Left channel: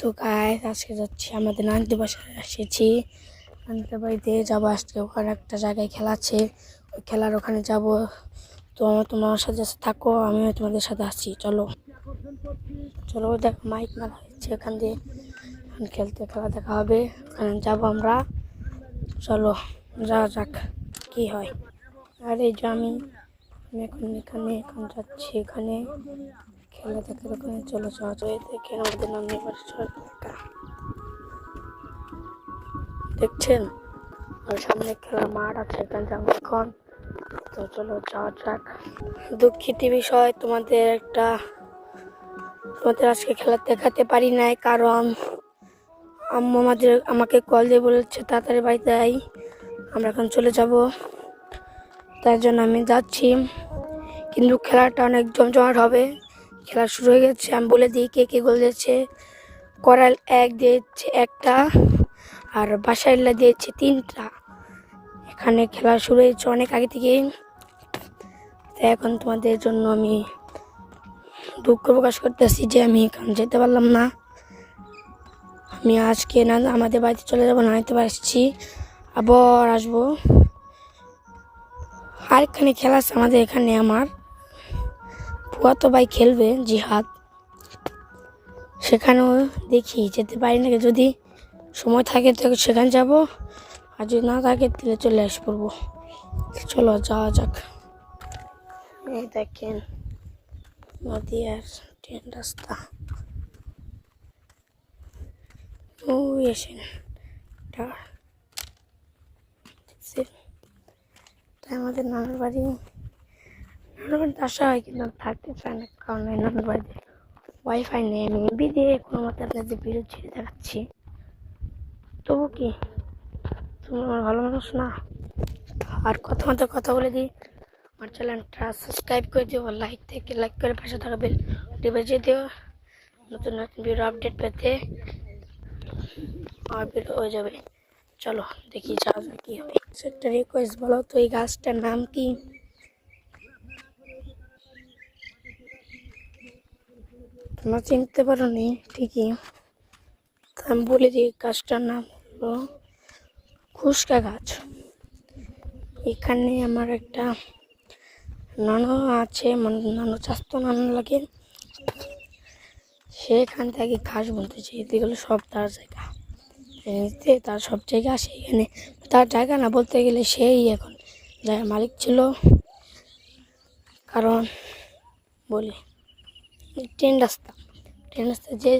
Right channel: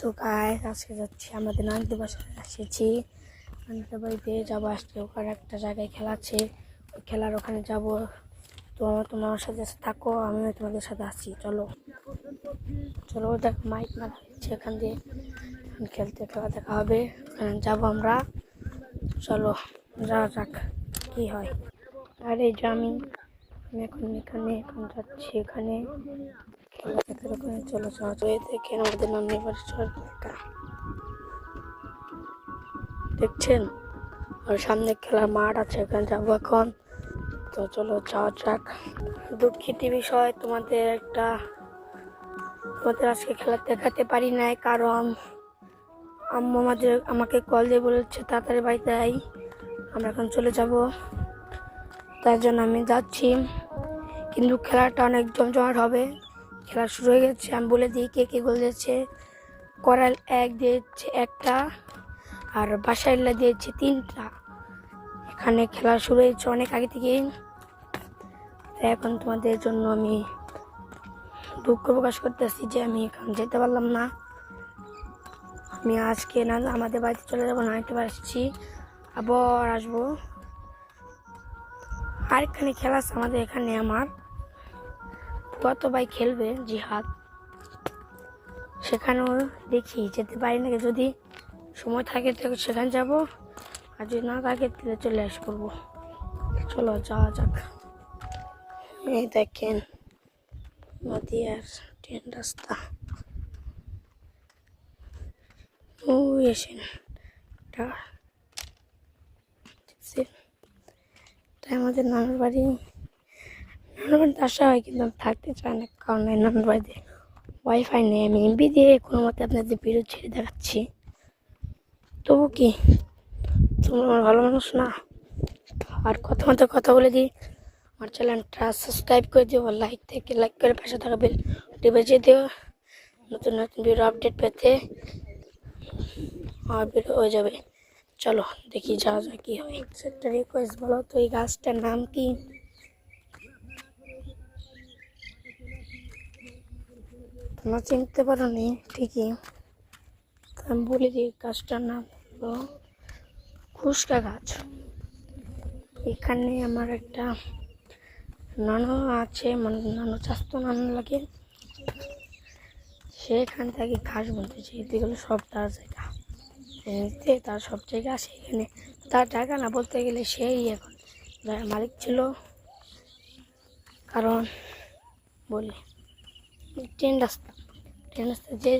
তো গাইস আজকে যাচ্ছি আমাদের নানিদের বাসায় এসেছি। নানিদের বাড়িতে যাবো আজকে, ওখানে একটা জায়গায় খেলা আছে, ওই খেলার ওখানে যাব। তো তোমার সাথে থাকো, আমিও তোমাদের সাথে আসছি। চলো চলো, দেখ মাইক মারা হচ্ছে, এখান দিয়ে খেলতে খেলা দেখা হবে, ওখানে যাবো আমরা। চলো যাওয়া যাক কি হয়। আর এই যে আমি এখন যাচ্ছি, এখানে খেলা দেখার ওখানে। চলো যাওয়া যায়। দেখে আমাদের নানির বাড়ির দেখছেন, আর সামনে খেলার মাঠ আছে, এখানে যাবো এখন। তো চলো যাওয়া যাক। দুঃখিত বিষয়, তোমাদের আজকে খেলা দেখাতে পারি নাই, কারণ আম্মু আমাকে কল দিয়ে বলেছে তাড়াতাড়ি বাড়িতে আই, আমরা এখন চলে যাব। তার জন্য আমি যাচ্ছি, কিন্তু খেলাটা অনেক জমজমাট হবে। খেলা শুরু হয়ে গেছে, আমি বলে দিই কে কে গোল দিয়েছে। করাল 1 দিয়েছে 1টা, আর বাসাইল্লা দিয়েছে 3টা। এখানে খেলা শুরু হয়েছে অনেক আগে থেকেই। তাই এখন তোমাদের জন্য আমি দুঃখ প্রকাশ করতেছি যে আমি এখানে যেতে পারলাম না। আমি আজকে না আমাদের বাড়িতে চলে যাবো, নাইতে আসছি, আবার আসবো। আর এখানে খেলা আছে আমাদের এখানে, আমার ফুয়াতো ভাই খেলবে জিহাদ, সেখানেও দেখি যেতে পারি নাকি। যদি সময় থাকে তো সেখানে যাব, আর যদি না থাকে তাহলে চলে আস করবো। চলো যাওয়া যাক। এই দেখেন নদী আর ট্রেন রাস্তা, ওই এসেন আমাদের নানার বাড়িতে আসা হয়, কিন্তু থাকতে চায় না, কারণ নানার বাড়িতে ওয়াইফাই নেই। আমি এমবি দিয়ে কোনো মতে আপনাদের ভিডিও ছেড়ে দেখাচ্ছি। তবু কি তোমরা আমার ভালো মানুষ না? আর কথা বলে দিই, আমার চ্যানেলটা সাবস্ক্রাইব করে দিও, লাইক করে পাশে থাকা বেল বাজিয়ে দিও, নতুন ভিডিও আপডেট পেতে আমার ভিডিও হয়ে যাবে। চলো দেখি যাওয়া যায় কি হয়। একটা রিকোয়েস্ট, বলো তো এই গাছটার নাম কি? তোমরা চিনতে পারো নি ঠিকই, আমি বলে দিই গাছটার নাম হলো খুশকা গাছ। এখানে আমার একটা নানু আছে, নানু চাস্তো নানু লাগে, সেখান থেকে ঘাস বলতেছে। এদিকে সব তার জায়গা, তার সব জায়গা আসে এখানে। তার জায়গা না বলতে গেলে সেই এখন জায়গার মালিক ছিল। কারণ বলি ট্রেন রাস্তা যে